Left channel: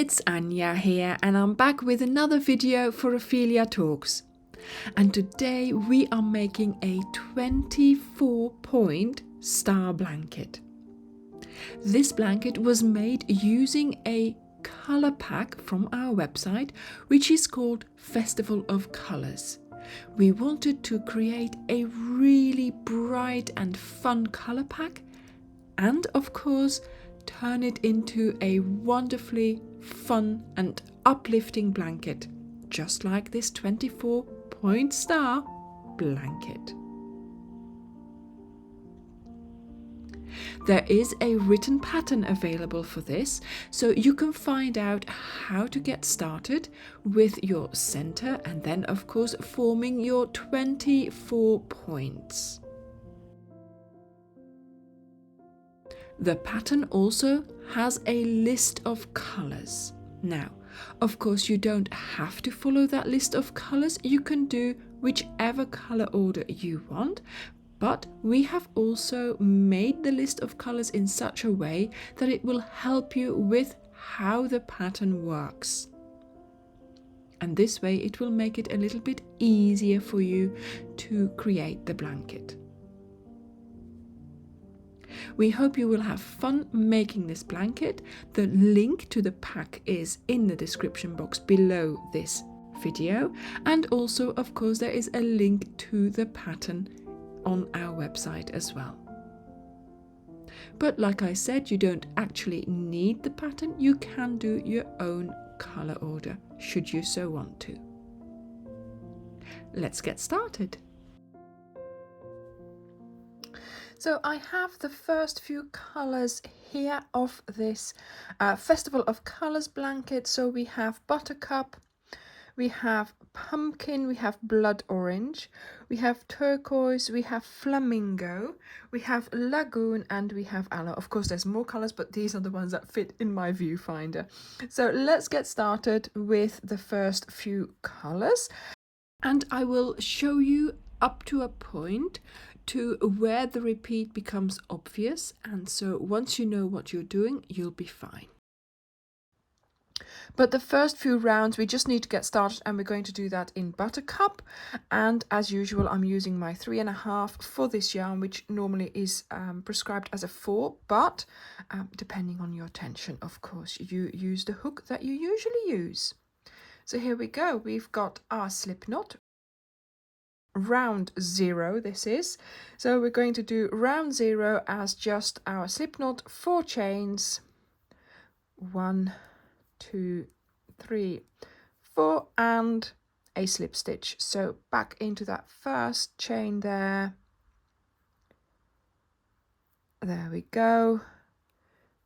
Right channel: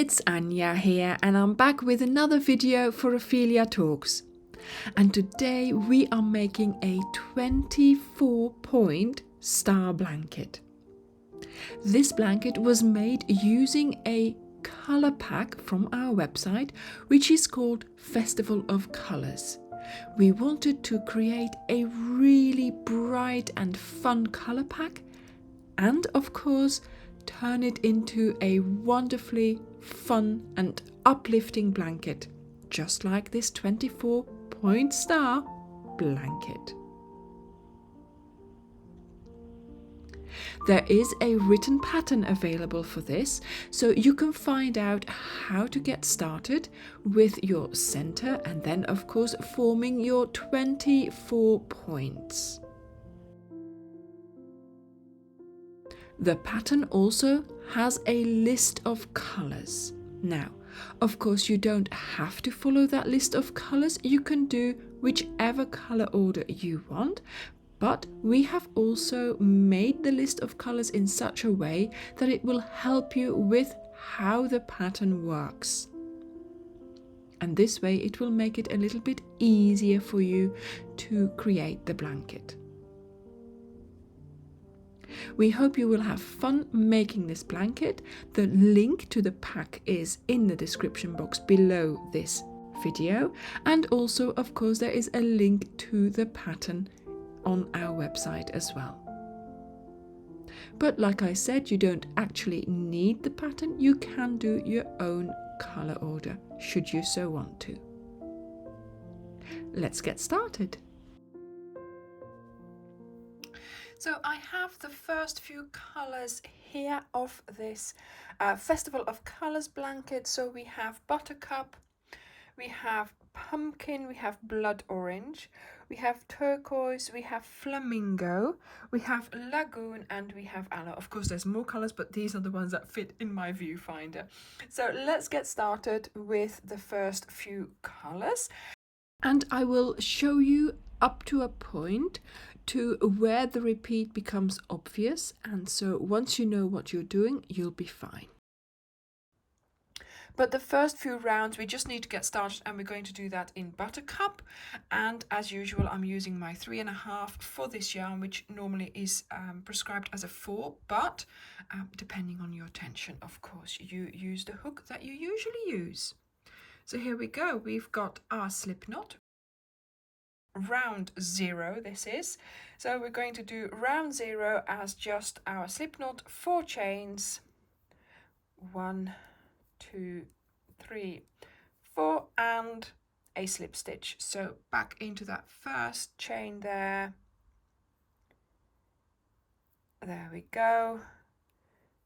it's Anya here, and I'm back with another video for Ophelia Talks. And today we are making a 24-point star blanket. This blanket was made using a color pack from our website, which is called Festival of Colors. We wanted to create a really bright and fun color pack, and of course turn it into a wonderfully fun and uplifting blanket, just like this 24-point star blanket. There is a written pattern available for this, so you can find out how to get started with your center and then of course forming your 24 points. The pattern also has a list of colors. Now, of course, you don't have to follow that list of colors. You can do whichever color order you want, but we have also made the list of colors in such a way that it will help you with how the pattern works. And this way it will make it a little bit easier for you to create the blanket. We hope you will have fun making this blanket. The link to the pack is in the description box below this video, and also of course there is a link to the pattern on our website as well. But like I said, you don't actually need the pattern. You can do your own color order should you so want to. Let's get started. So I have the first few colors here of this Festival of Colors blanket. So we have buttercup, we have pumpkin, we have blood orange, we have turquoise, we have flamingo, we have lagoon, and we have aloe. Of course there's more colors, but these are the ones that fit in my viewfinder. So let's get started with the first few colors, and I will show you up to a point to where the repeat becomes obvious, and so once you know what you're doing, you'll be fine. But the first few rounds we just need to get started, and we're going to do that in buttercup. And as usual, I'm using my 3.5 for this yarn, which normally is prescribed as a 4, but depending on your tension, of course, you use the hook that you usually use. So here we go. We've got our slip knot. Round 0 this is, so we're going to do round 0 as just our slip knot, 4 chains, 1 2 3 4, and a slip stitch. So back into that first chain there we go,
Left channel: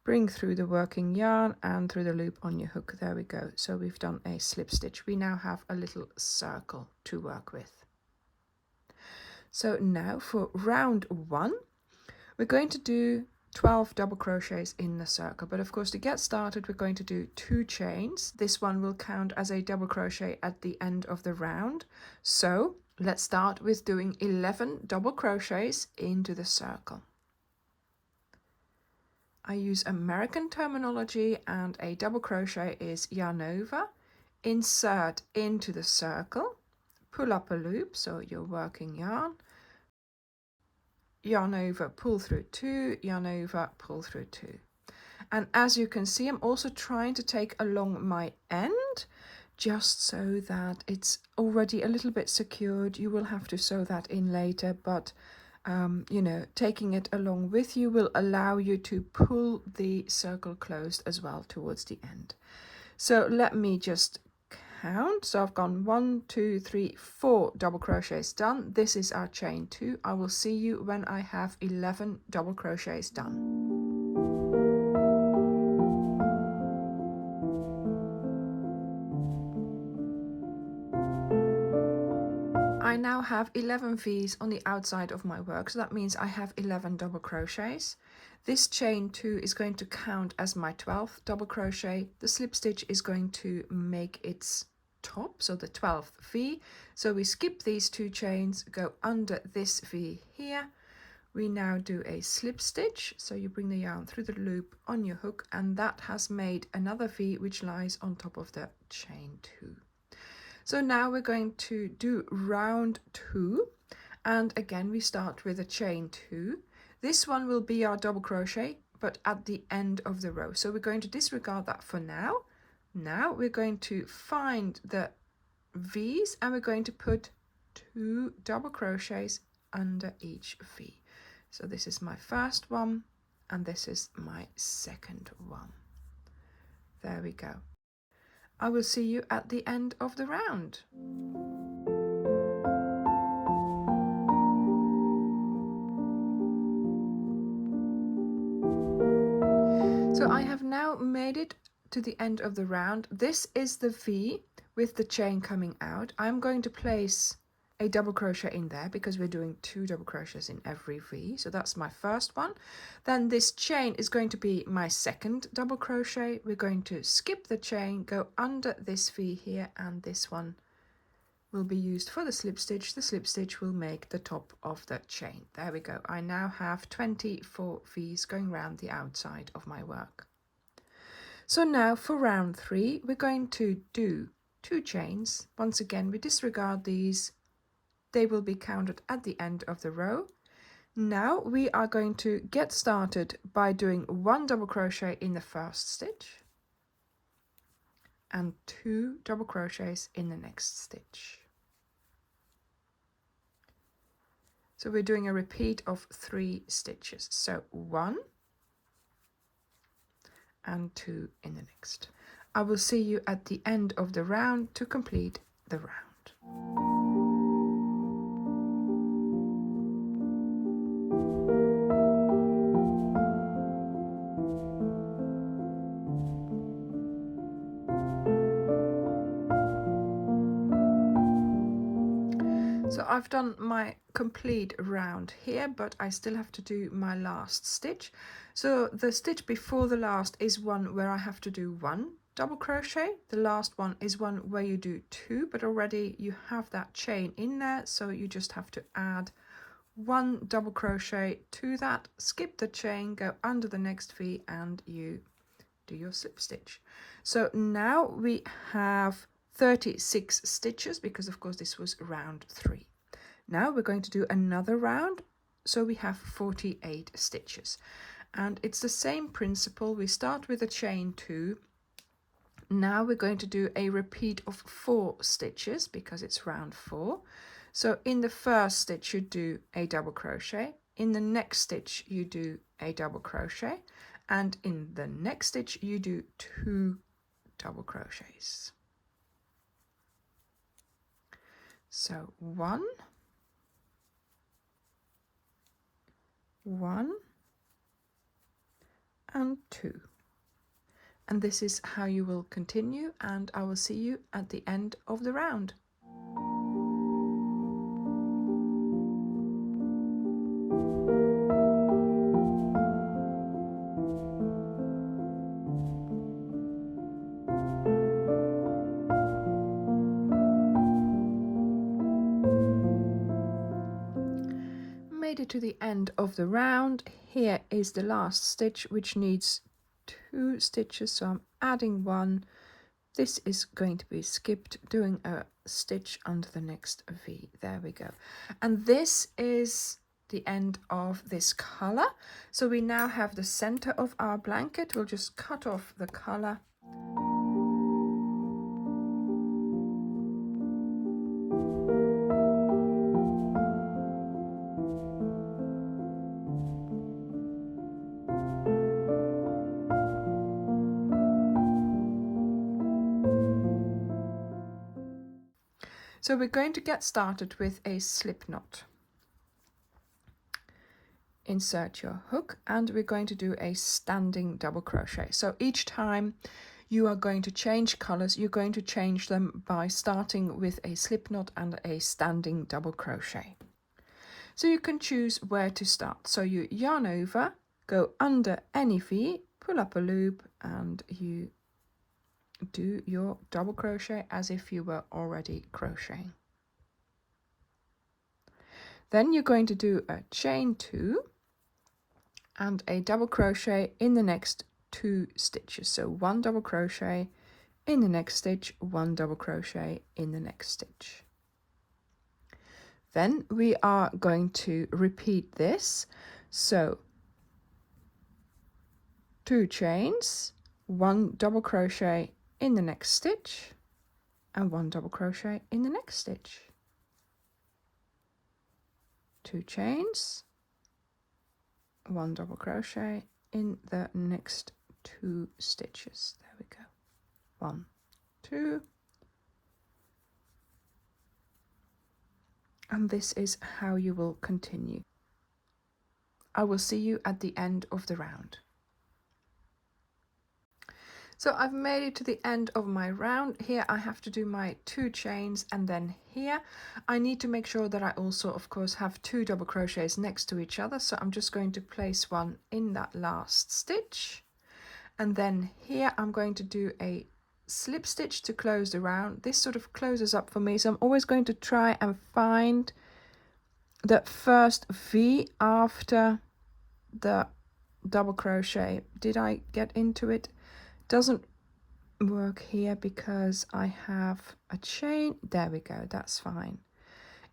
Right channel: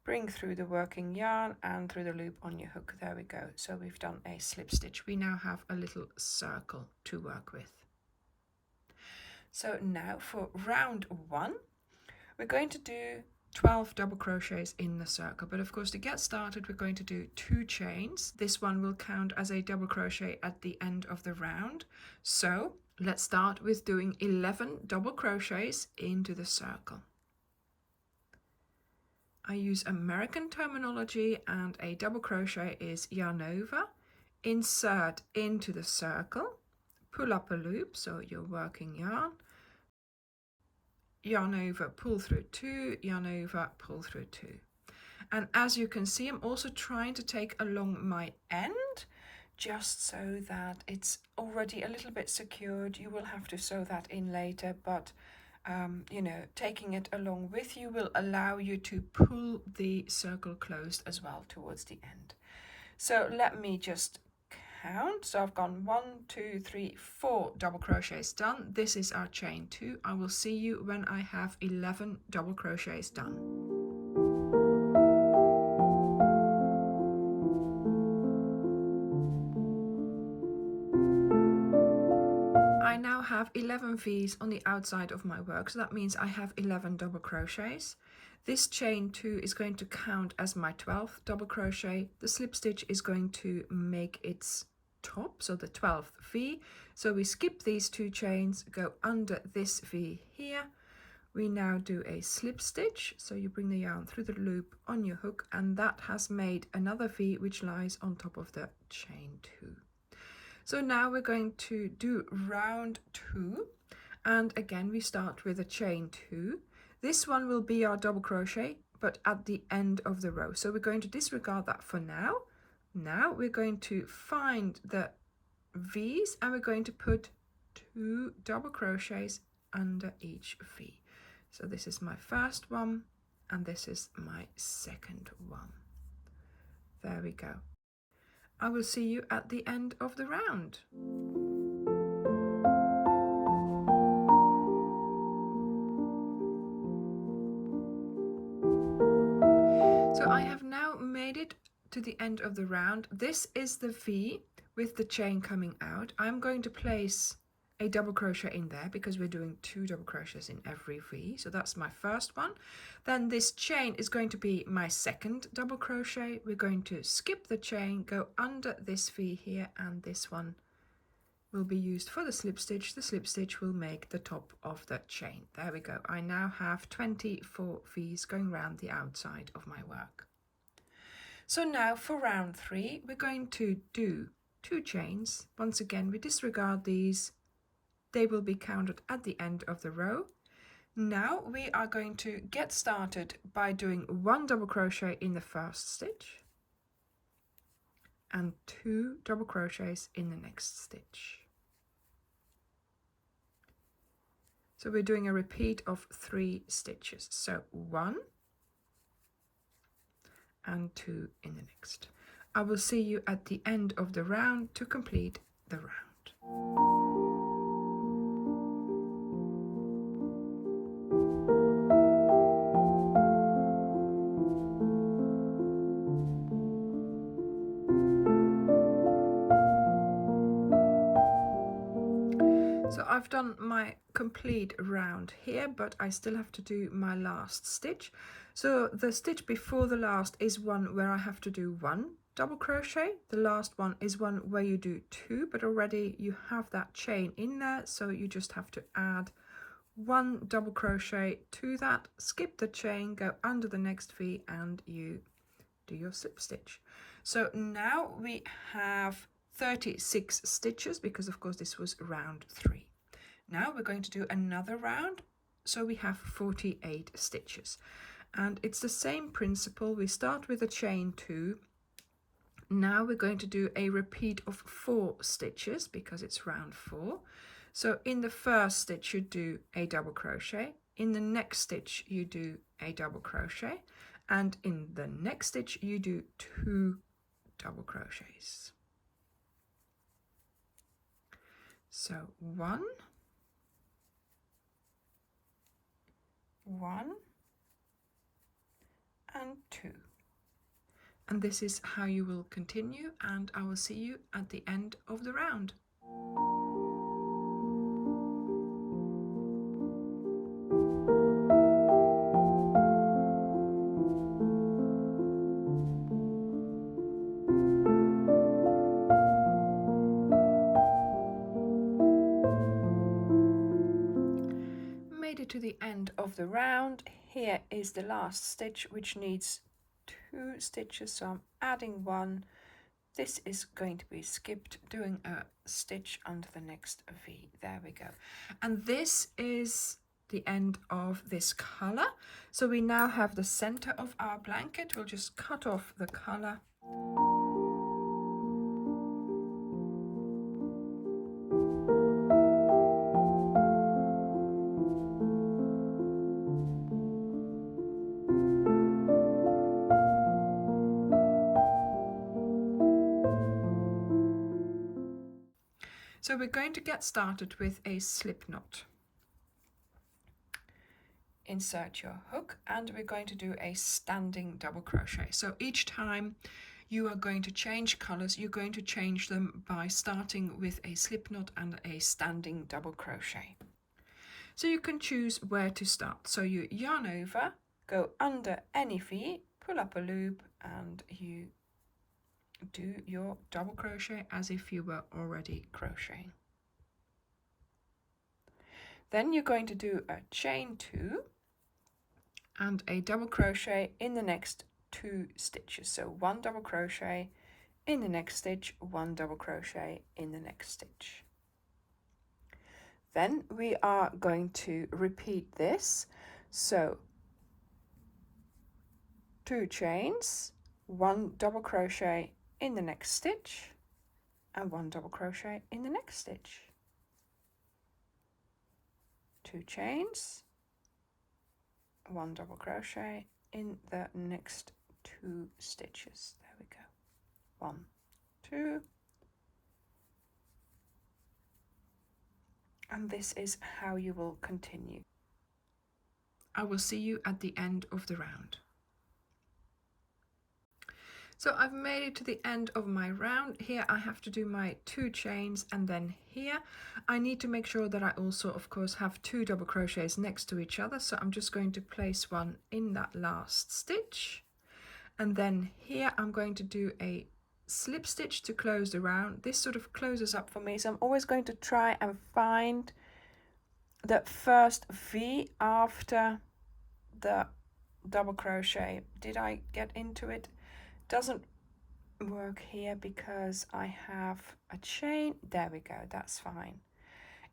bring through the working yarn and through the loop on your hook. There we go. So we've done a slip stitch. We now have a little circle to work with. So now for round 1, we're going to do 12 double crochets in the circle. But of course, to get started, we're going to do 2 chains. This one will count as a double crochet at the end of the round. So let's start with doing 11 double crochets into the circle. I use American terminology, and a double crochet is yarn over, insert into the circle, pull up a loop, so you're working yarn over, pull through 2, yarn over, pull through 2. And as you can see, I'm also trying to take along my end, just so that it's already a little bit secured. You will have to sew that in later, but you know, taking it along with you will allow you to pull the circle closed as well towards the end. So let me just count. So I've gone 1 2 3 4 double crochets done. This is our chain 2. I will see you when I have 11 double crochets done. I now have 11 V's on the outside of my work, so that means I have 11 double crochets. This chain 2 is going to count as my 12th double crochet. The slip stitch is going to make its top, so the 12th V. So we skip these 2 chains, go under this V here, We now do a slip stitch, so you bring the yarn through the loop on your hook, and that has made another V which lies on top of the chain 2. So now we're going to do round 2, and again we start with a chain 2. This one will be our double crochet, but at the end of the row, so we're going to disregard that for now. Now we're going to find the V's and we're going to put 2 double crochets under each V. So this is my first one and this is my second one. There we go. I will see you at the end of the round. So I have now made it to the end of the round. This is the V with the chain coming out. I'm going to place a double crochet in there because we're doing 2 double crochets in every V. So that's my first one. Then this chain is going to be my second double crochet. We're going to skip the chain, go under this V here, and this one will be used for the slip stitch. The slip stitch will make the top of the chain. There we go. I now have 24 V's going around the outside of my work. So now for round 3, we're going to do 2 chains. Once again, we disregard these. They will be counted at the end of the row. Now we are going to get started by doing 1 double crochet in the first stitch and 2 double crochets in the next stitch. So we're doing a repeat of 3 stitches. So 1 and 2 in the next. I will see you at the end of the round to complete the round. So I've done my complete round here, but I still have to do my last stitch. So the stitch before the last is one where I have to do 1 double crochet. The last one is one where you do 2, but already you have that chain in there, so you just have to add 1 double crochet to that, skip the chain, go under the next V, and you do your slip stitch. So now we have 36 stitches because of course this was round 3. Now we're going to do another round, so we have 48 stitches, and it's the same principle. We start with a chain 2. Now we're going to do a repeat of 4 stitches because it's round 4. So in the first stitch you do a double crochet, in the next stitch you do a double crochet, and in the next stitch you do 2 double crochets. So 1, 1 and 2, and this is how you will continue, and I will see you at the end of the round. Made it to the end of the round. Here is the last stitch, which needs 2 stitches, so I'm adding 1. This is going to be skipped, doing a stitch under the next V. There we go. And this is the end of this color. So we now have the center of our blanket. We'll just cut off the color. So we're going to get started with a slip knot. Insert your hook, and we're going to do a standing double crochet. So each time you are going to change colors, you're going to change them by starting with a slip knot and a standing double crochet. So you can choose where to start. So you yarn over, go under any V, pull up a loop, and you do your double crochet as if you were already crocheting. Then you're going to do a chain 2, and a double crochet in the next 2 stitches. So 1 double crochet in the next stitch, 1 double crochet in the next stitch. Then we are going to repeat this. So 2 chains, 1 double crochet in the next stitch, and 1 double crochet in the next stitch. 2 chains, 1 double crochet in the next 2 stitches. There we go. 1, 2, and this is how you will continue. I will see you at the end of the round. So I've made it to the end of my round. Here I have to do my 2 chains, and then here I need to make sure that I also of course have 2 double crochets next to each other. So I'm just going to place one in that last stitch, and then here I'm going to do a slip stitch to close the round. This sort of closes up for me, so I'm always going to try and find the first V after the double crochet. Did I get into it? Doesn't work here because I have a chain. There we go, that's fine.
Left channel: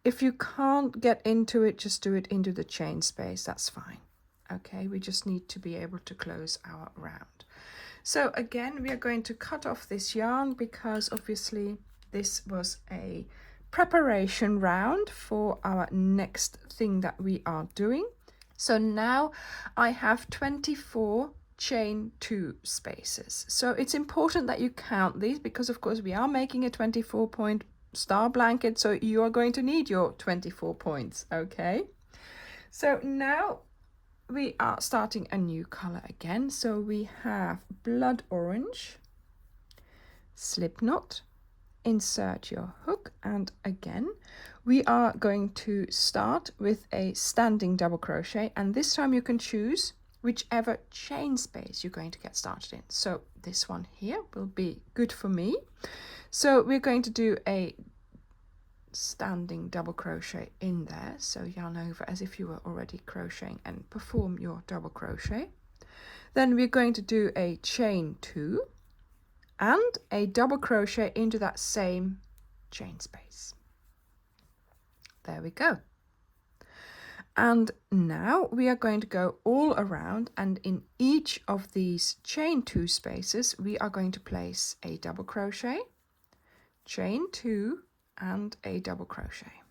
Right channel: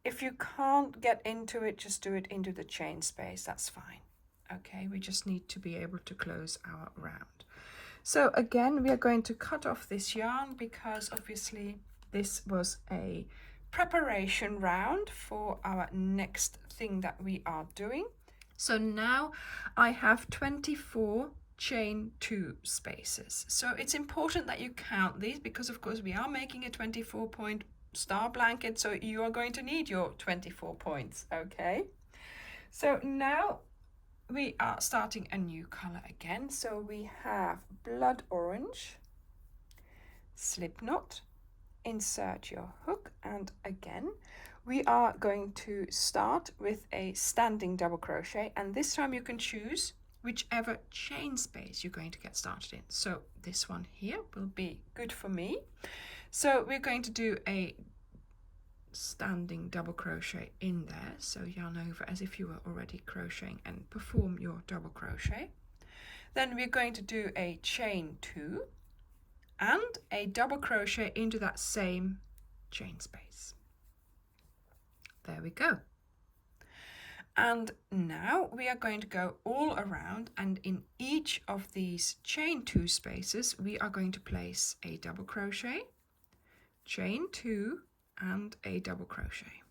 If you can't get into it, just do it into the chain space, that's fine. Okay, we just need to be able to close our round. So again, we are going to cut off this yarn because obviously this was a preparation round for our next thing that we are doing. So now I have 24 chain 2 spaces. So it's important that you count these because of course we are making a 24 point star blanket, so you are going to need your 24 points. Okay, so now we are starting a new color again. So we have blood orange, slip knot, insert your hook, and again we are going to start with a standing double crochet, and this time you can choose whichever chain space you're going to get started in. So this one here will be good for me. So we're going to do a standing double crochet in there, so yarn over as if you were already crocheting and perform your double crochet. Then we're going to do a chain 2 and a double crochet into that same chain space. There we go. And now we are going to go all around, and in each of these chain 2 spaces we are going to place a double crochet, chain 2 and a double crochet.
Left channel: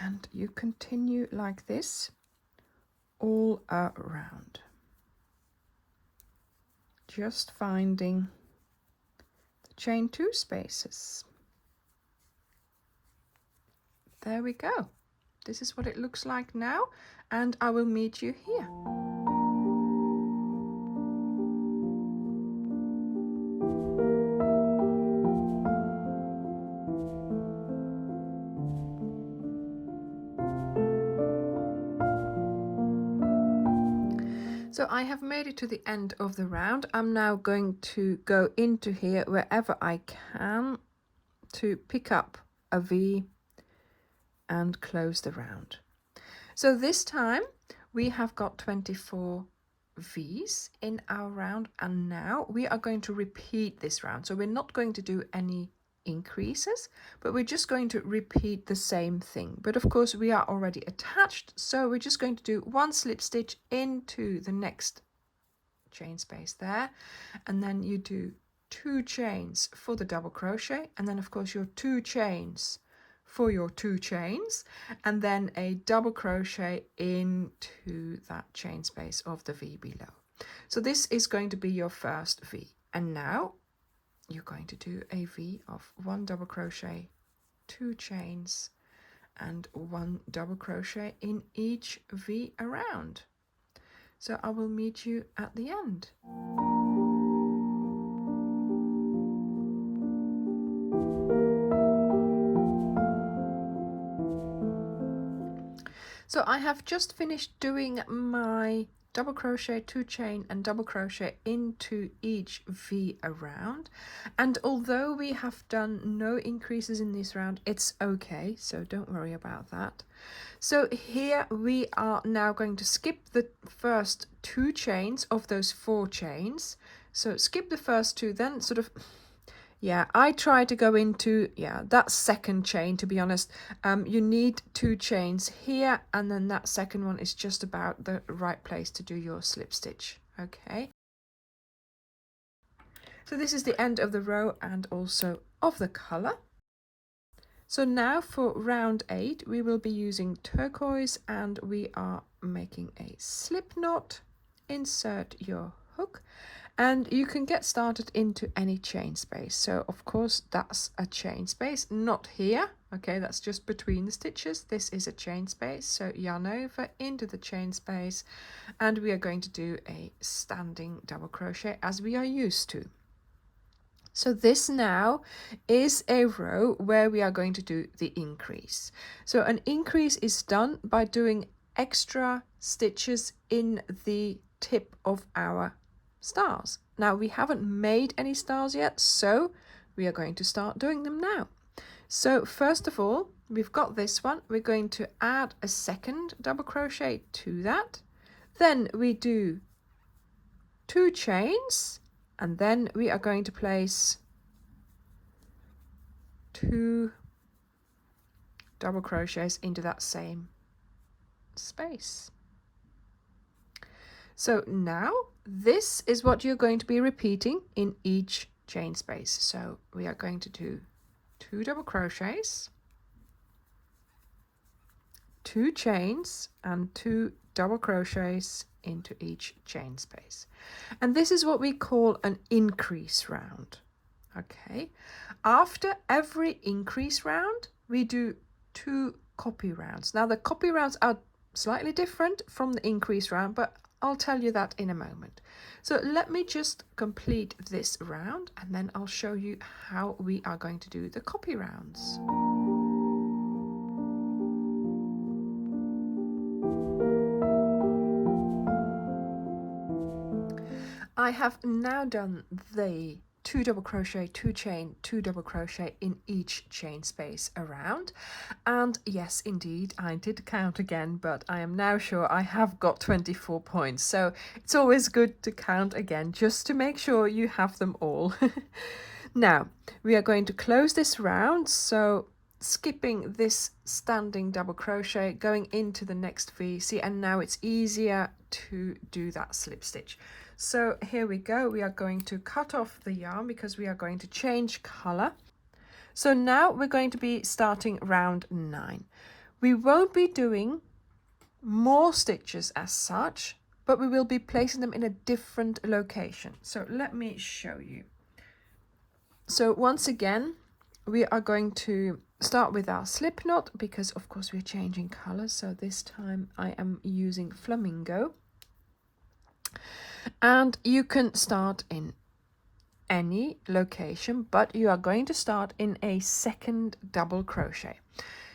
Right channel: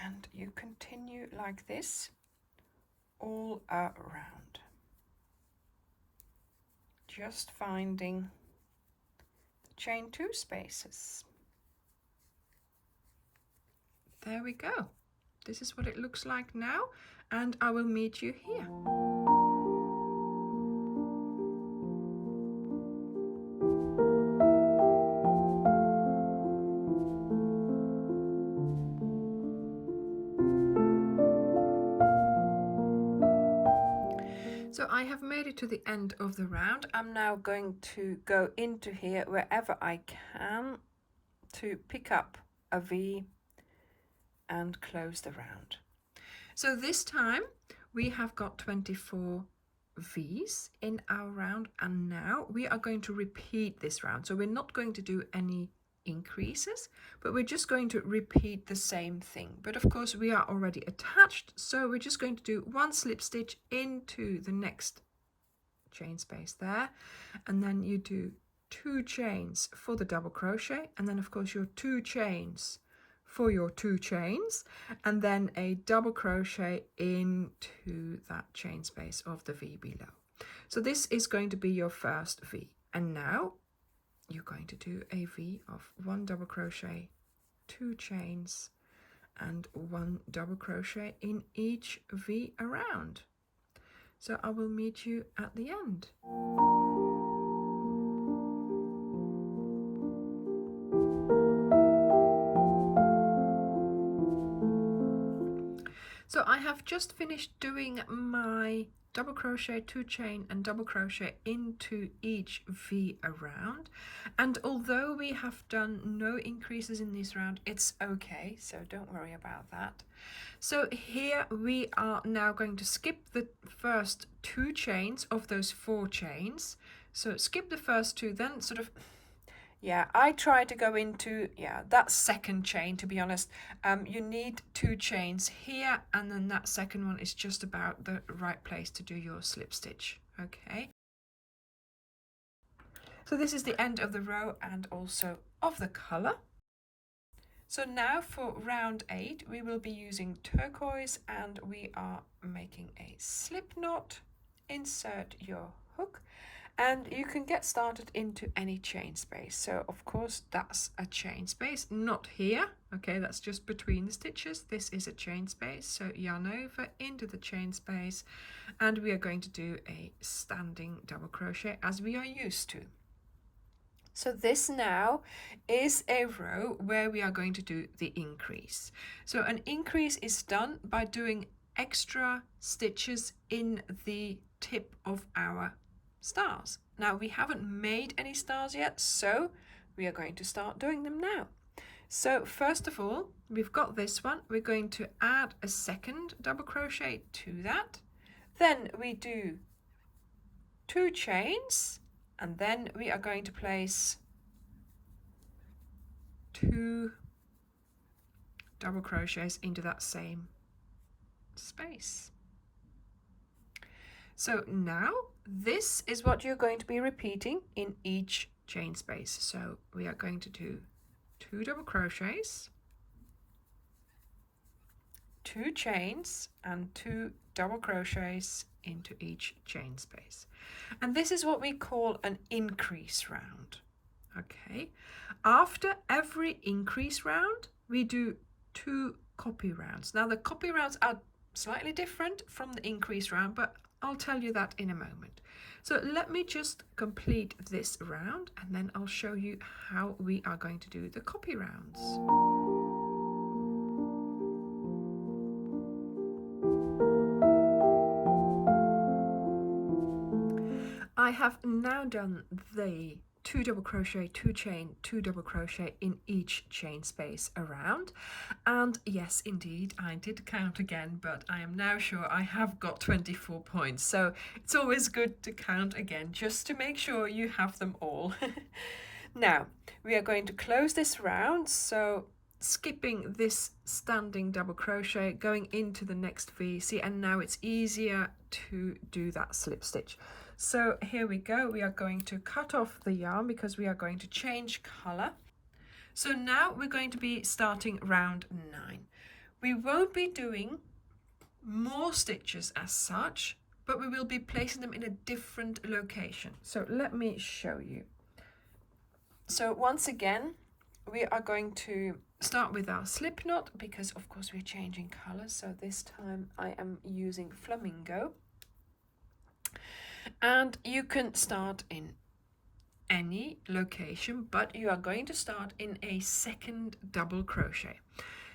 And you continue like this all around, just finding the chain 2 spaces. There we go. This is what it looks like now, and I will meet you here. So I have made it to the end of the round. I'm now going to go into here wherever I can to pick up a V and close the round. So this time we have got 24 V's in our round, and now we are going to repeat this round. So we're not going to do any increases, but we're just going to repeat the same thing. But of course we are already attached, so we're just going to do 1 slip stitch into the next chain space there, and then you do 2 chains for the double crochet, and then of course your 2 chains for your 2 chains, and then a double crochet into that chain space of the V below. So this is going to be your first V, and now you're going to do a V of 1 double crochet, 2 chains, and 1 double crochet in each V around. So I will meet you at the end. So I have just finished doing my double crochet, 2 chain and double crochet into each V around. And although we have done no increases in this round, it's okay, so don't worry about that. So here we are now going to skip the first 2 chains of those 4 chains. So skip the first 2, then sort of, yeah, I try to go into, that second chain, to be honest. You need 2 chains here, and then that second one is just about the right place to do your slip stitch. Okay. So this is the end of the row and also of the color. So now for round 8, we will be using turquoise, and we are making a slip knot. Insert your hook, and you can get started into any chain space. So of course that's a chain space, not here, okay, that's just between the stitches. This is a chain space, so yarn over into the chain space, and we are going to do a standing double crochet as we are used to. So this now is a row where we are going to do the increase. So an increase is done by doing extra stitches in the tip of our stars. Now we haven't made any stars yet, so we are going to start doing them now. So first of all, we've got this one. We're going to add a second double crochet to that. Then we do 2 chains, and then we are going to place 2 double crochets into that same space. So now this is what you're going to be repeating in each chain space. So we are going to do 2 double crochets, 2 chains and 2 double crochets into each chain space. And this is what we call an increase round. Okay, after every increase round we do 2 copy rounds. Now the copy rounds are slightly different from the increase round, but I'll tell you that in a moment. So let me just complete this round, and then I'll show you how we are going to do the copy rounds. I have now done the 2 double crochet, 2 chain, 2 double crochet in each chain space around. And yes, indeed, I did count again, but I am now sure I have got 24 points. So it's always good to count again, just to make sure you have them all. Now, we are going to close this round. So skipping this standing double crochet, going into the next V, see, and now it's easier to do that slip stitch. So here we go, we are going to cut off the yarn because we are going to change color. So now we're going to be starting round 9. We won't be doing more stitches as such, but we will be placing them in a different location. So let me show you. So once again, we are going to start with our slip knot, because of course we're changing colors. So this time I am using flamingo. And you can start in any location, but you are going to start in a second double crochet.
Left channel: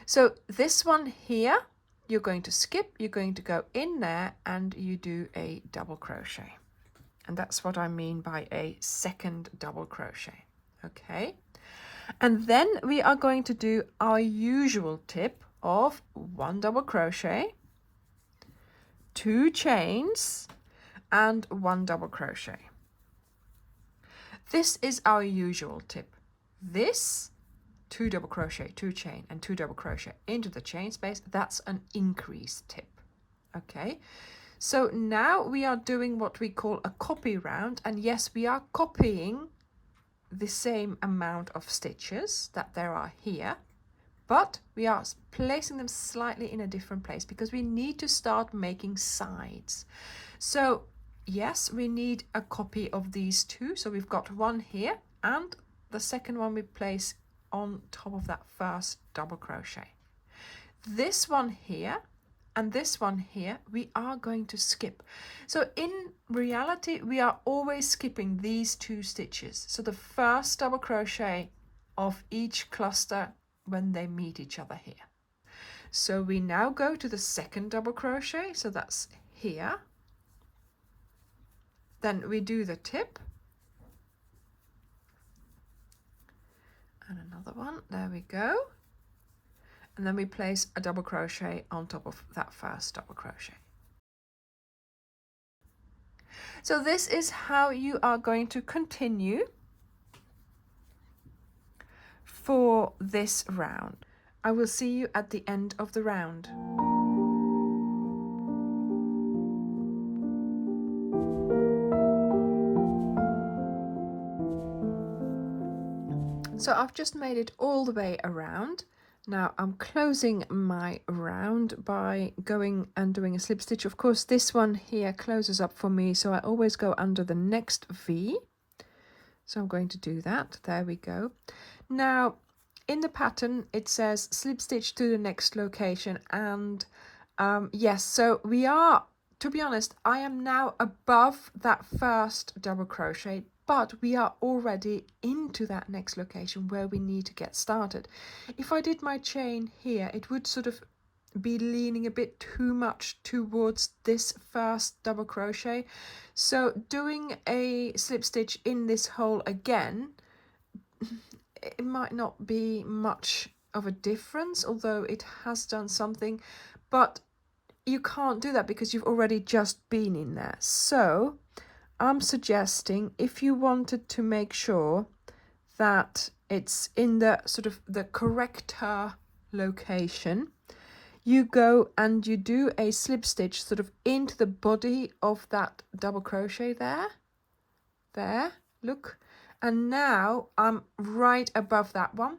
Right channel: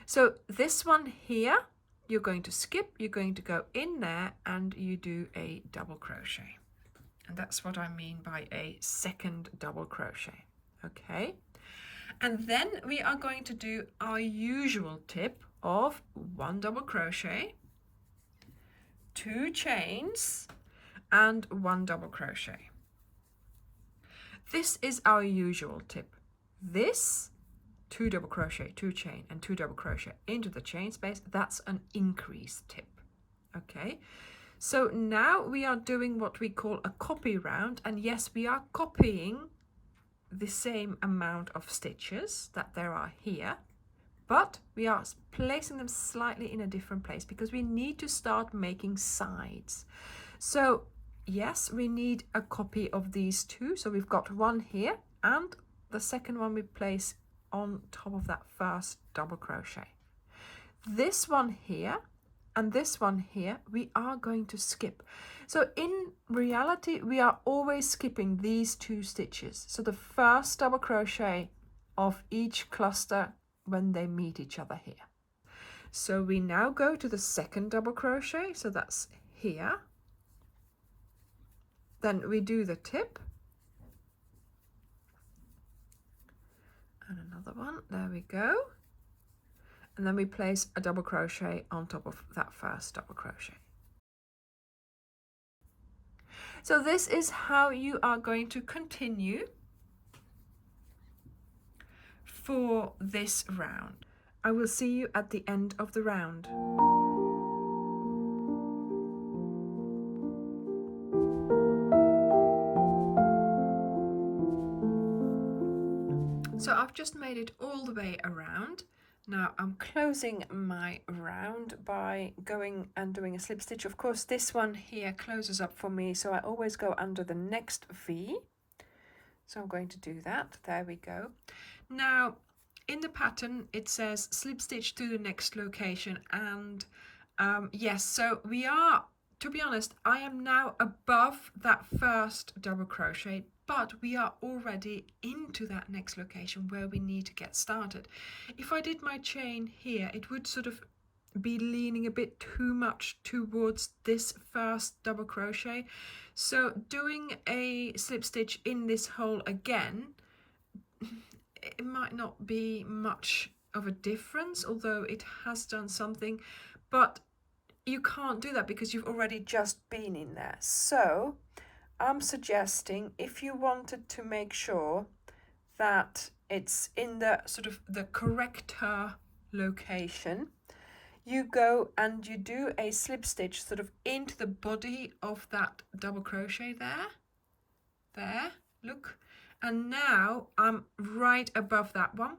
So this one here, you're going to skip, you're going to go in there and you do a double crochet. And that's what I mean by a second double crochet. Okay. And then we are going to do our usual tip of 1 double crochet, 2 chains, and 1 double crochet. This is our usual tip. This 2 double crochet, 2 chain and 2 double crochet into the chain space, that's an increase tip. Okay, so now we are doing what we call a copy round, and yes, we are copying the same amount of stitches that there are here, but we are placing them slightly in a different place because we need to start making sides. So yes, we need a copy of these 2. So we've got one here, and the second one we place on top of that first double crochet. This one here and this one here, we are going to skip. So in reality, we are always skipping these 2 stitches. So the first double crochet of each cluster when they meet each other here. So we now go to the second double crochet. So that's here. Then we do the tip. And another one, there we go. And then we place a double crochet on top of that first double crochet. So this is how you are going to continue for this round. I will see you at the end of the round. So I've just made it all the way around. Now I'm closing my round by going and doing a slip stitch. Of course, this one here closes up for me, so I always go under the next V. So I'm going to do that. There we go. Now in the pattern it says slip stitch to the next location, and yes, so we are, to be honest, I am now above that first double crochet, but we are already into that next location where we need to get started. If I did my chain here, it would sort of be leaning a bit too much towards this first double crochet. So doing a slip stitch in this hole again, it might not be much of a difference, although it has done something, but you can't do that because you've already just been in there. So I'm suggesting, if you wanted to make sure that it's in the sort of the correcter location, you go and you do a slip stitch sort of into the body of that double crochet there, look, and now I'm right above that one.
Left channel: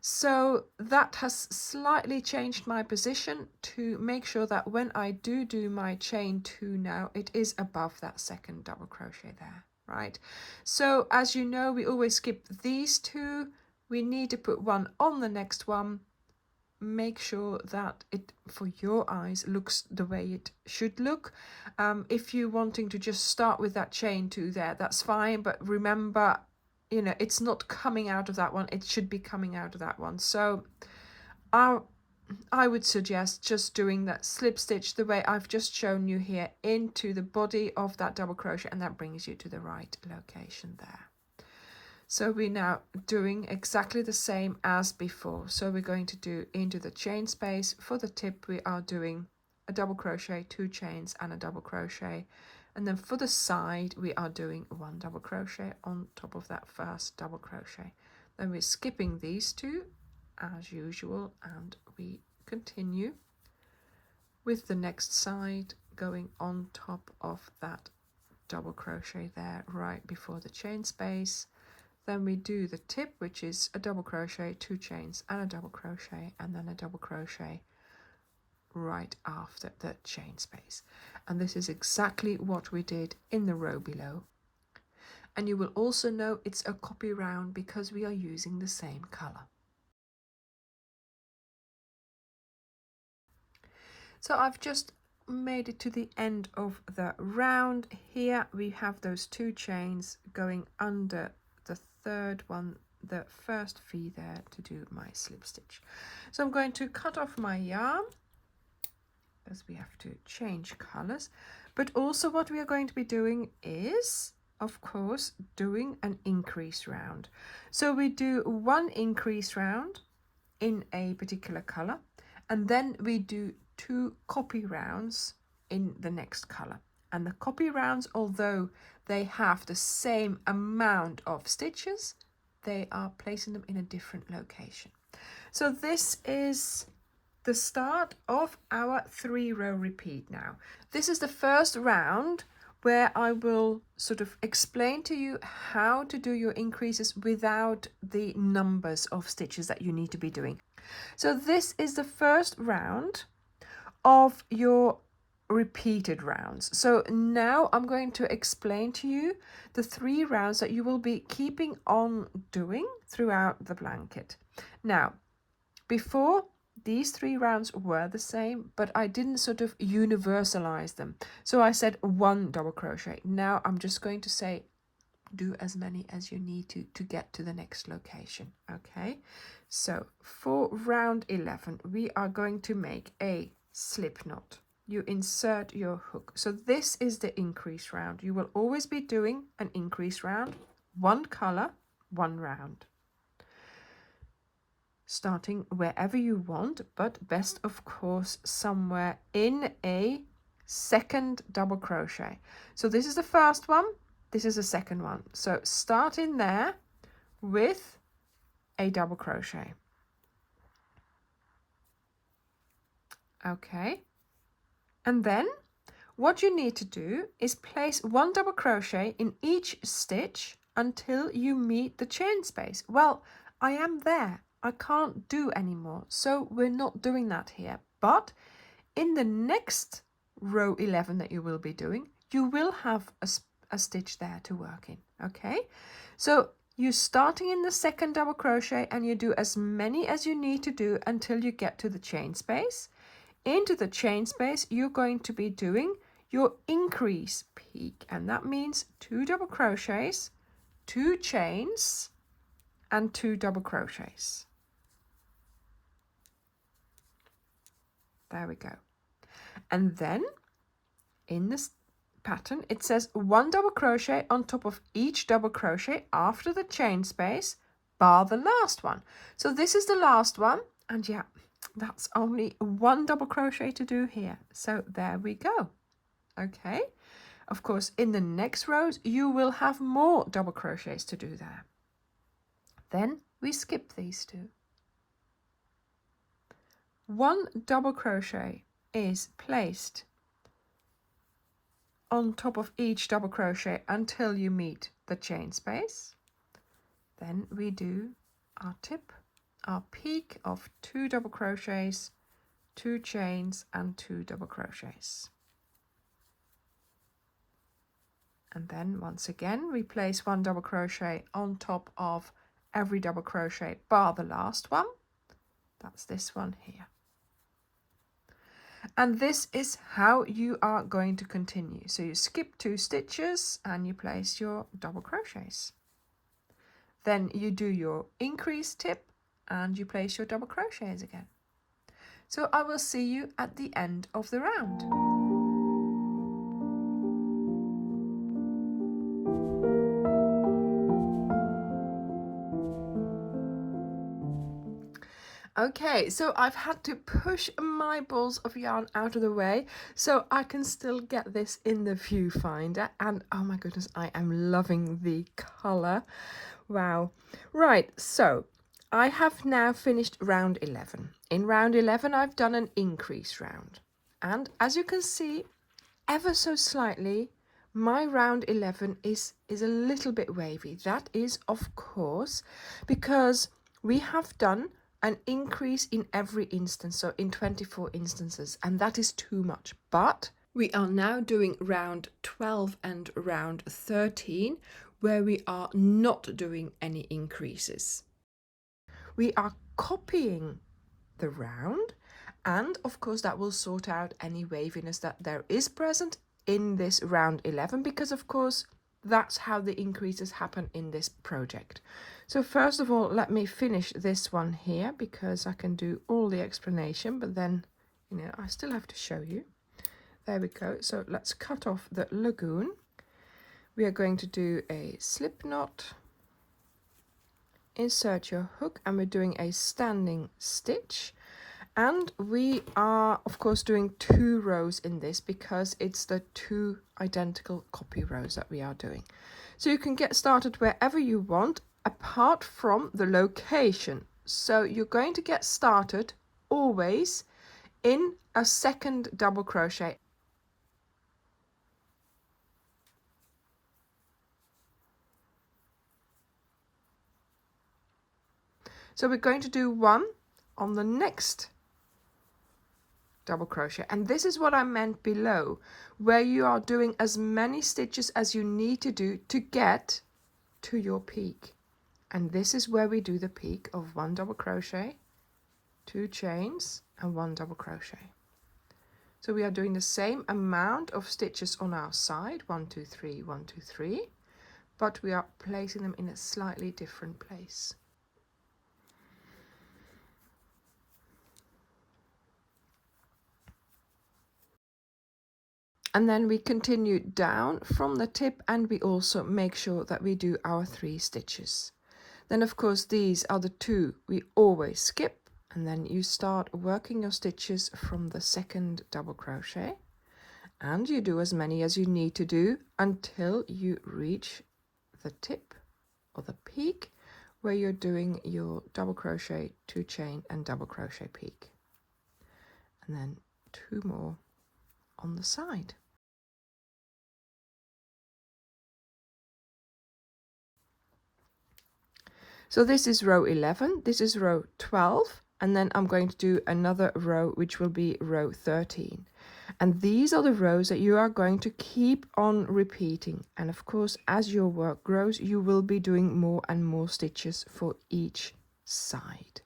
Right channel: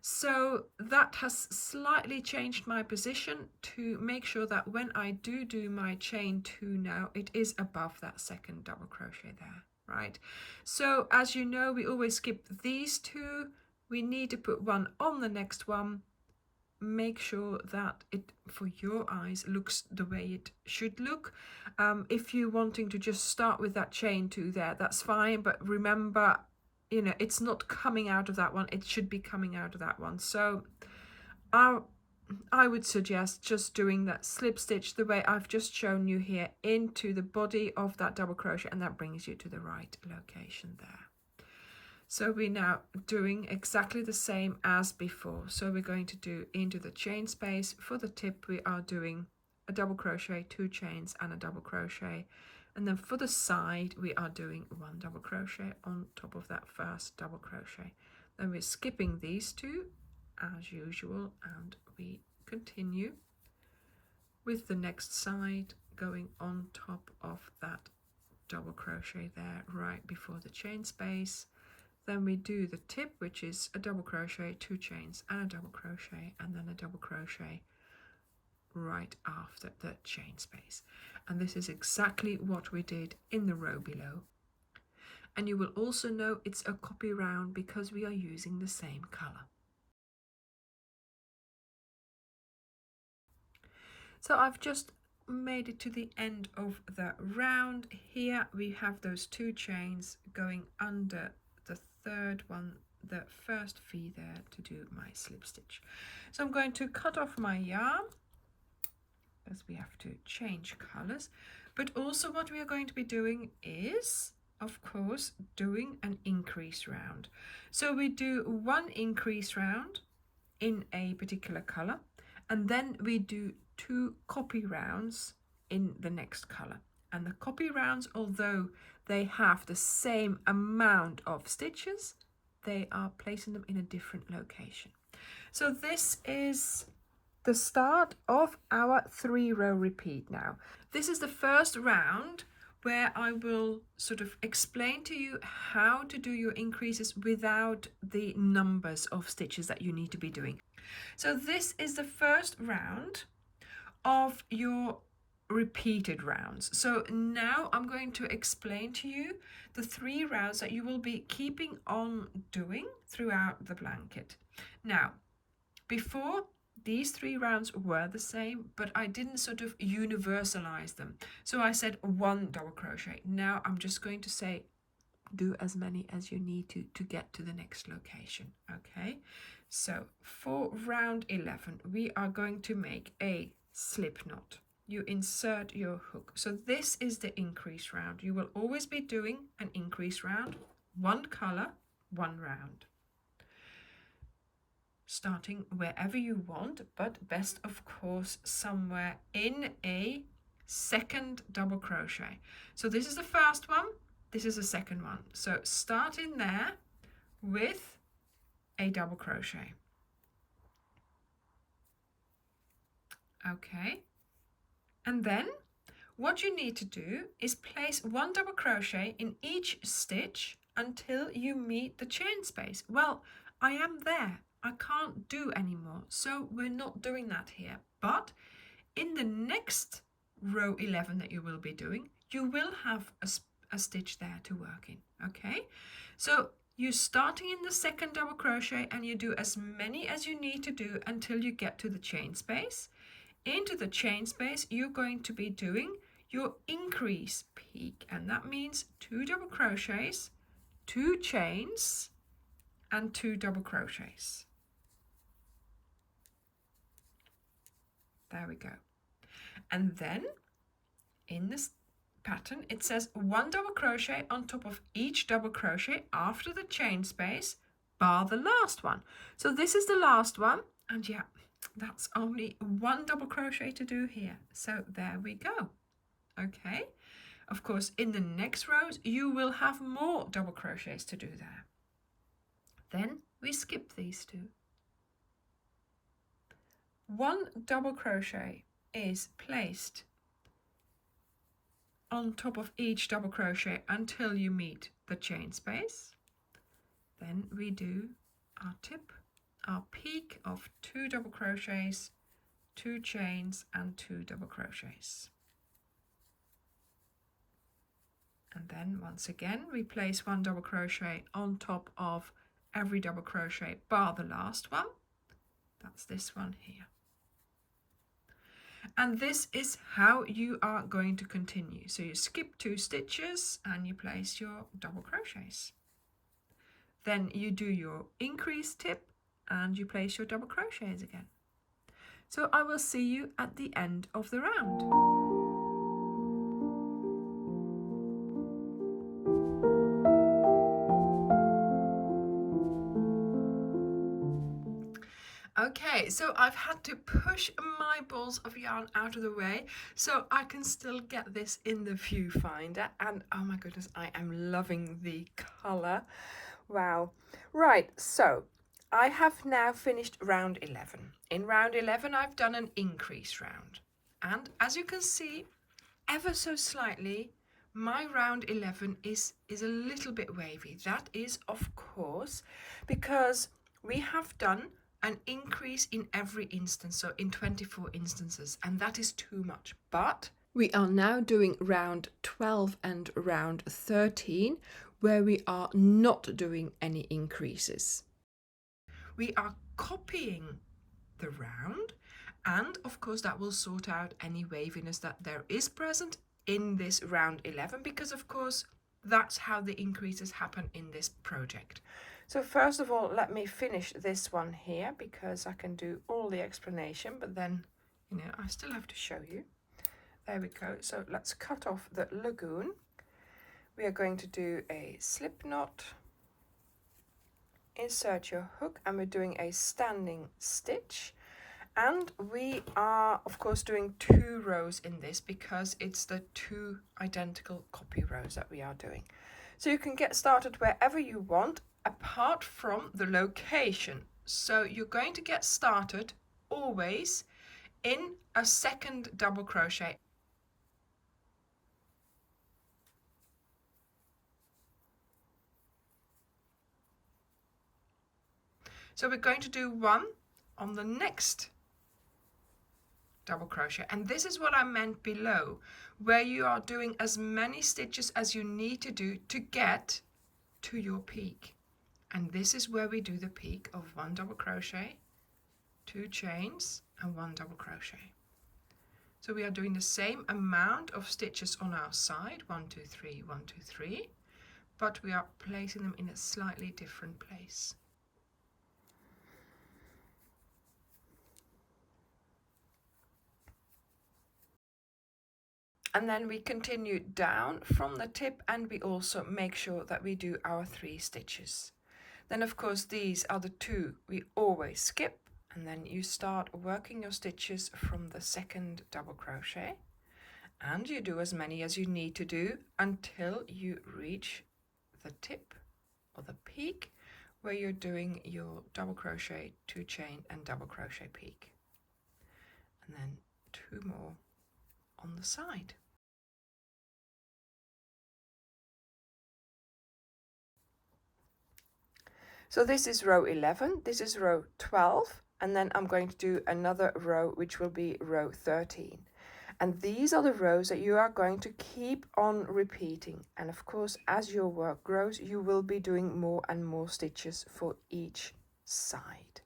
So that has slightly changed my position to make sure that when I do my chain 2 now, it is above that second double crochet there, right? So as you know, we always skip these 2. We need to put one on the next one. Make sure that it, for your eyes, looks the way it should look. If you're wanting to just start with that chain 2 there, that's fine, but remember, you know, it's not coming out of that one, it should be coming out of that one. So I would suggest just doing that slip stitch the way I've just shown you here into the body of that double crochet, and that brings you to the right location there. So we're now doing exactly the same as before. So we're going to do into the chain space. For the tip, we are doing a double crochet, 2 chains and a double crochet. And then for the side, we are doing 1 double crochet on top of that first double crochet. Then we're skipping these 2 as usual, and we continue with the next side, going on top of that double crochet there right before the chain space. Then we do the tip, which is a double crochet, 2 chains and a double crochet, and then a double crochet right after the chain space. And this is exactly what we did in the row below. And you will also know it's a copy round because we are using the same color. So I've just made it to the end of the round. Here we have those 2 chains going under the third one, the first V there, to do my slip stitch. So I'm going to cut off my yarn, as we have to change colors. But also what we are going to be doing is, of course, doing an increase round. So we do 1 increase round in a particular color, and then we do 2 copy rounds in the next color. And the copy rounds, although they have the same amount of stitches, they are placing them in a different location. So this is the start of our 3-row repeat now. This is the first round where I will sort of explain to you how to do your increases without the numbers of stitches that you need to be doing. So this is the first round of your repeated rounds. So now I'm going to explain to you the 3 rounds that you will be keeping on doing throughout the blanket. Now, before, these 3 rounds were the same, but I didn't sort of universalize them. So I said 1 double crochet. Now I'm just going to say do as many as you need to get to the next location. Okay, so for round 11 we are going to make a slip knot. you insert your hook. So this is the increase round. You will always be doing an increase round, one color, one round. Starting wherever you want, but best of course somewhere in a second double crochet. So this is the first one, this is the second one. So start in there with a double crochet. Okay. And then what you need to do is place one double crochet in each stitch until you meet the chain space. Well, I am there. I can't do anymore, so we're not doing that here. But in the next row 11 that you will be doing, you will have a stitch there to work in. Okay, so you're starting in the second double crochet and you do as many as you need to do until you get to the chain space. Into the chain space, you're going to be doing your increase peak, and that means 2 double crochets, 2 chains, and 2 double crochets. There we go. And then in this pattern, it says 1 double crochet on top of each double crochet after the chain space, bar the last one. So this is the last one, and yeah, that's only 1 double crochet to do here. So there we go. Okay, of course in the next rows you will have more double crochets to do there. Then we skip these 2. 1 double crochet is placed on top of each double crochet until you meet the chain space. Then we do our tip, our peak of 2 double crochets, 2 chains, and 2 double crochets. And then once again we place 1 double crochet on top of every double crochet bar the last one. That's this one here. And this is how you are going to continue. So you skip 2 stitches and you place your double crochets. Then you do your increase tip and you place your double crochets again. So I will see you at the end of the round. Okay, so I've had to push my balls of yarn out of the way so I can still get this in the viewfinder, and oh my goodness, I am loving the colour. Wow. Right, so I have now finished round 11. In round 11 I've done an increase round, and as you can see ever so slightly my round 11 is a little bit wavy. That is of course because we have done an increase in every instance, so in 24 instances, and that is too much. But we are now doing round 12 and round 13 where we are not doing any increases. We are copying the round, and of course that will sort out any waviness that there is present in this round 11, because of course that's how the increases happen in this project. So first of all, let me finish this one here because I can do all the explanation, but then, you know, I still have to show you. There we go. So let's cut off the lagoon. We are going to do a slip knot, insert your hook, and we're doing a standing stitch. And we are, of course, doing 2 rows in this because it's the 2 identical copy rows that we are doing. So you can get started wherever you want, apart from the location. So you're going to get started always in a second double crochet. So we're going to do 1 on the next double crochet, and this is what I meant below, where you are doing as many stitches as you need to do to get to your peak. And this is where we do the peak of 1 double crochet, 2 chains, and 1 double crochet. So we are doing the same amount of stitches on our side, 1 2 3 1 2 3, but we are placing them in a slightly different place. And then we continue down from the tip, and we also make sure that we do our 3 stitches. Then of course these are the 2 we always skip, and then you start working your stitches from the second double crochet, and you do as many as you need to do until you reach the tip or the peak where you're doing your double crochet, 2 chain and double crochet peak, and then 2 more on the side. So this is row 11, this is row 12, and then I'm going to do another row which will be row 13. And these are the rows that you are going to keep on repeating. And of course, as your work grows, you will be doing more and more stitches for each side.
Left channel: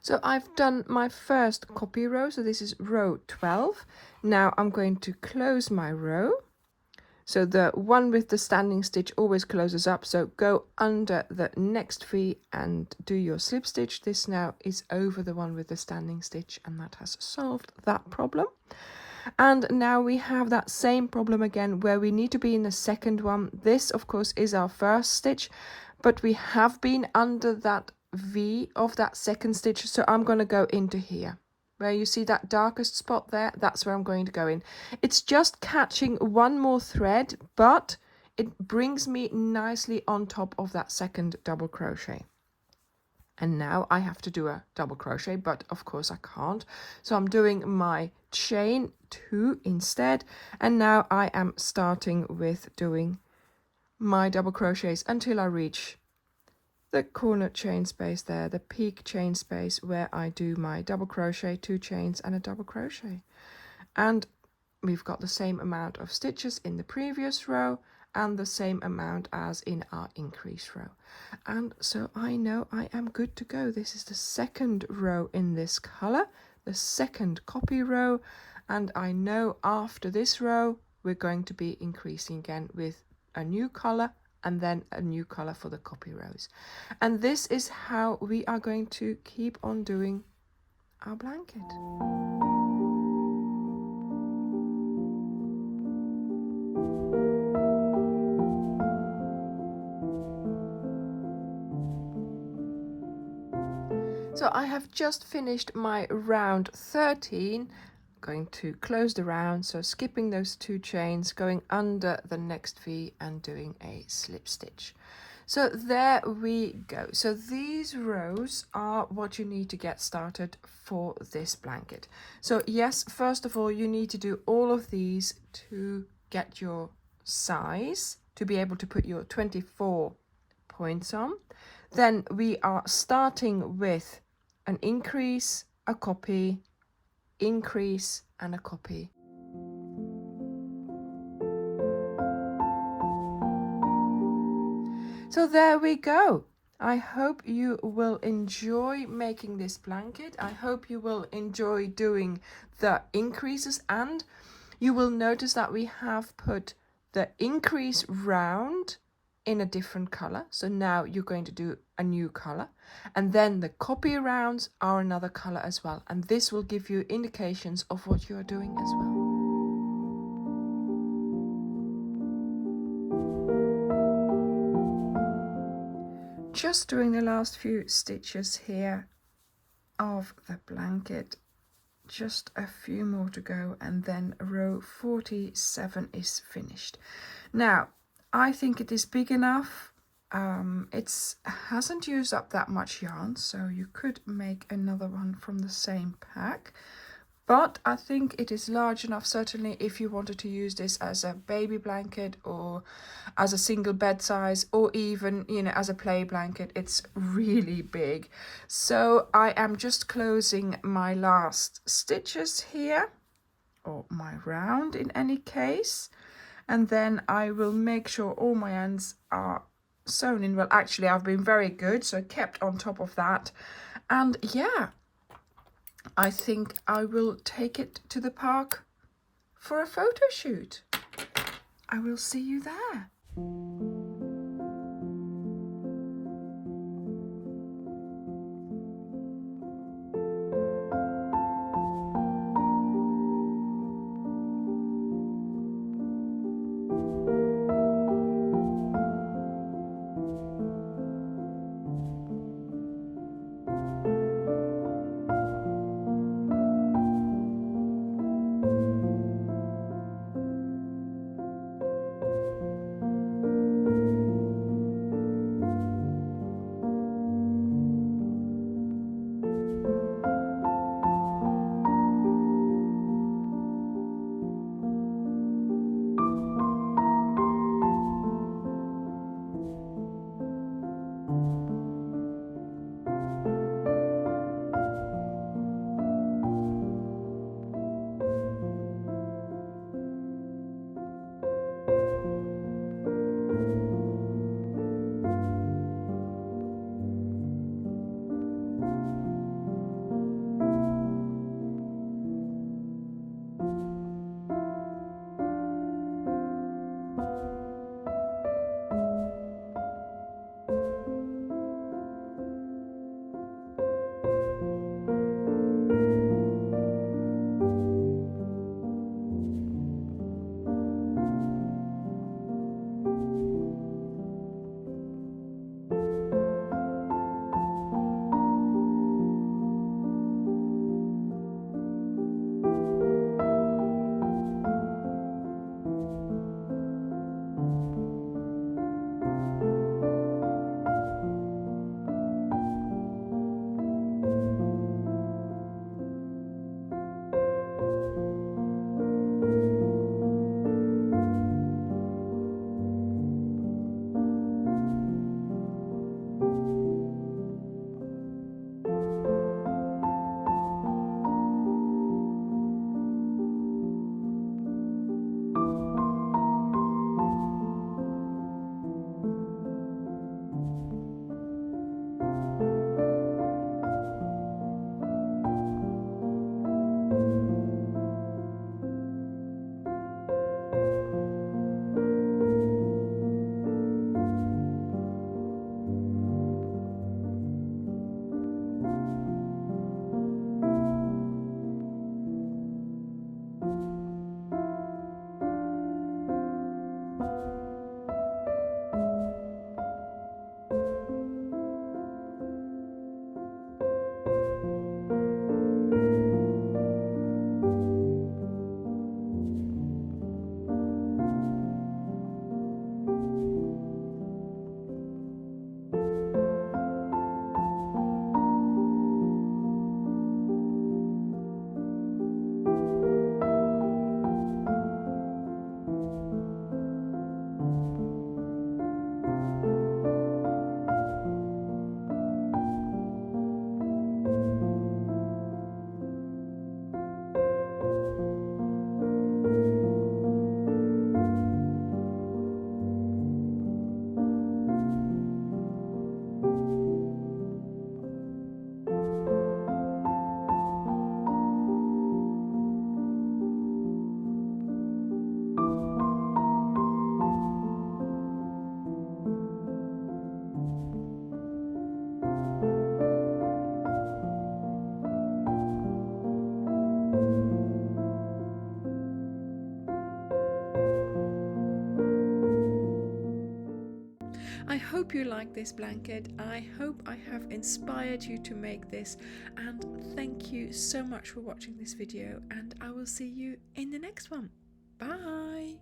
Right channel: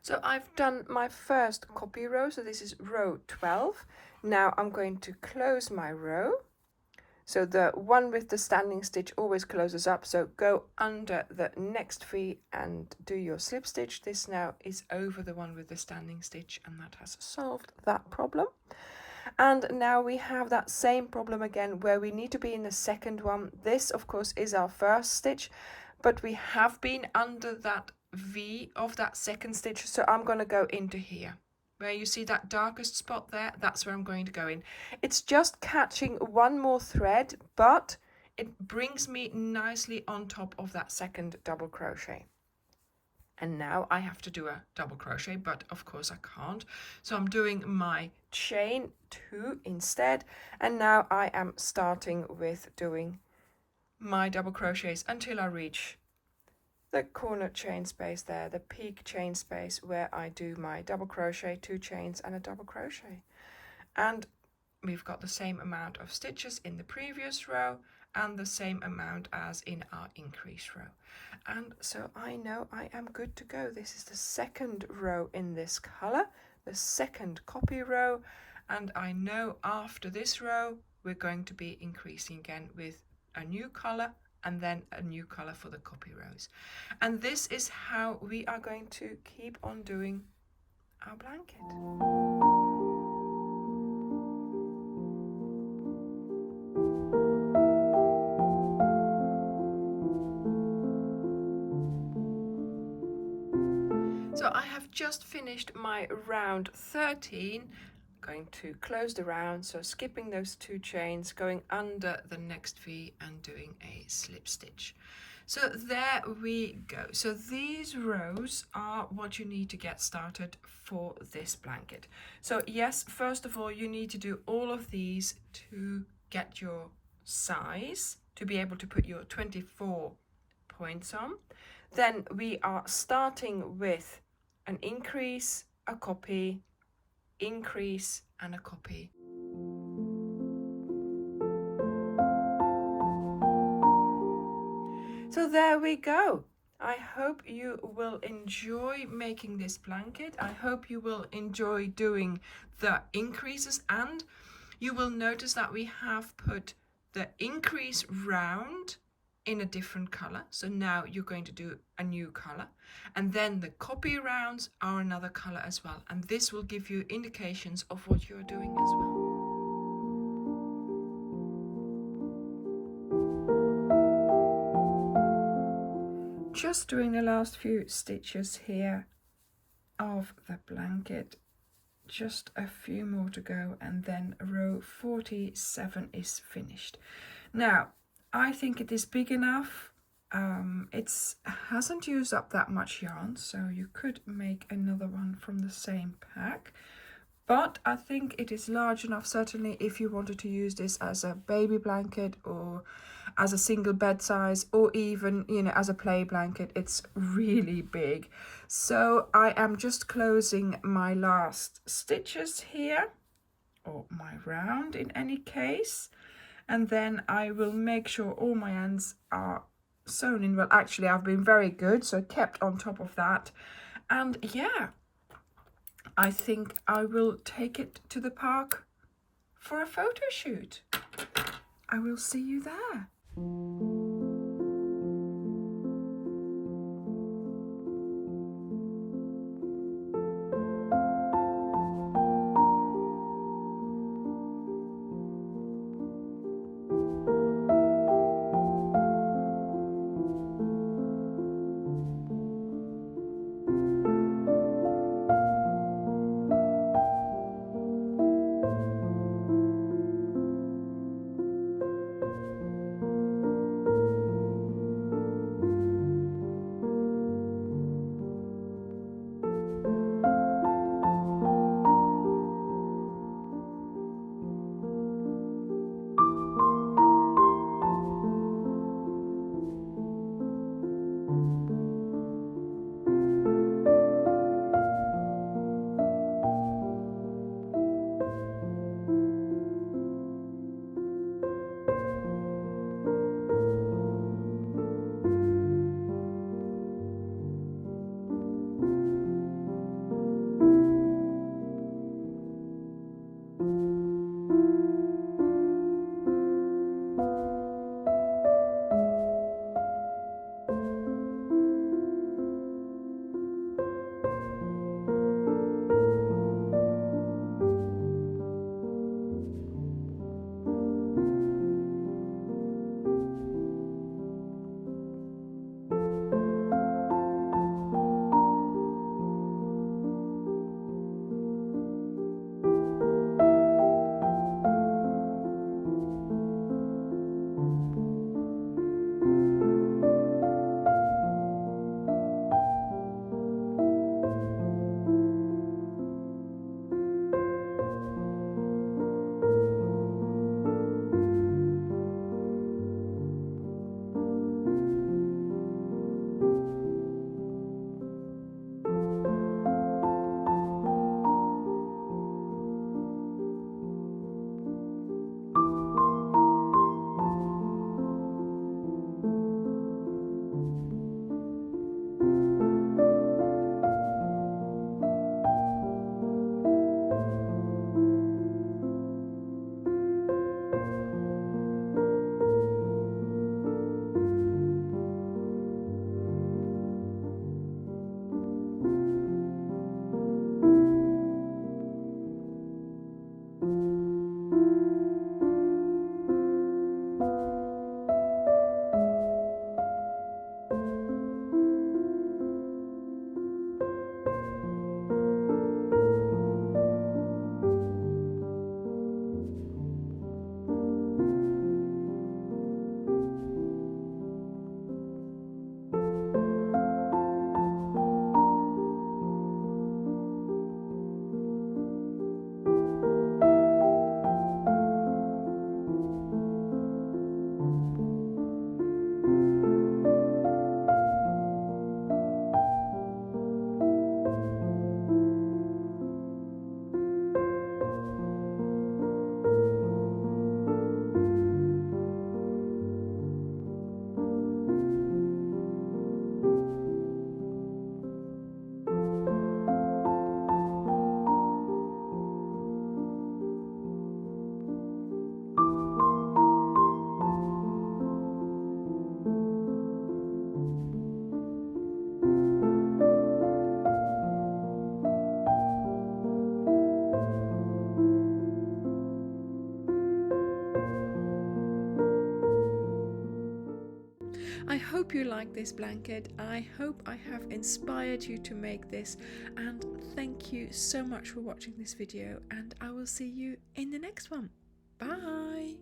So I've done my first copy row, so this is row 12. Now I'm going to close my row. So the one with the standing stitch always closes up, so go under the next V and do your slip stitch. This now is over the one with the standing stitch, and that has solved that problem. And now we have that same problem again where we need to be in the second one. This of course is our first stitch, but we have been under that V of that second stitch, so I'm going to go into here. Where you see that darkest spot there, that's where I'm going to go in. It's just catching one more thread, but it brings me nicely on top of that second double crochet. And now I have to do a double crochet, but of course I can't. So I'm doing my chain 2 instead. And now I am starting with doing my double crochets until I reach the corner chain space there, the peak chain space where I do my double crochet, 2 chains and a double crochet. And we've got the same amount of stitches in the previous row and the same amount as in our increase row. And so I know I am good to go. This is the second row in this color, the second copy row, and I know after this row we're going to be increasing again with a new color and then a new color for the copy rows. And this is how we are going to keep on doing our blanket. So I have just finished my round 13. Going to close the round, so skipping those 2 chains, going under the next V and doing a slip stitch. So there we go. So these rows are what you need to get started for this blanket. So yes, first of all, you need to do all of these to get your size, to be able to put your 24 points on. Then we are starting with an increase, a copy, increase and a copy. So there we go. I hope you will enjoy making this blanket. I hope you will enjoy doing the increases, and you will notice that we have put the increase round in a different color. So now you're going to do a new color, and then the copy rounds are another color as well, and this will give you indications of what you are doing as well. Just doing the last few stitches here of the blanket, just a few more to go, and then row 47 is finished. Now I think it is big enough. It hasn't used up that much yarn, so you could make another one from the same pack, but I think it is large enough, certainly if you wanted to use this as a baby blanket or as a single bed size, or even, you know, as a play blanket. It's really big. So I am just closing my last stitches here, or my round in any case, and then I will make sure all my ends are sewn in. Well, actually I've been very good, so I kept on top of that, and yeah, I think I will take it to the park for a photo shoot. I will see you there. I hope you like this blanket. I hope I have inspired you to make this, and thank you so much for watching this video, and I will see you in the next one. Bye.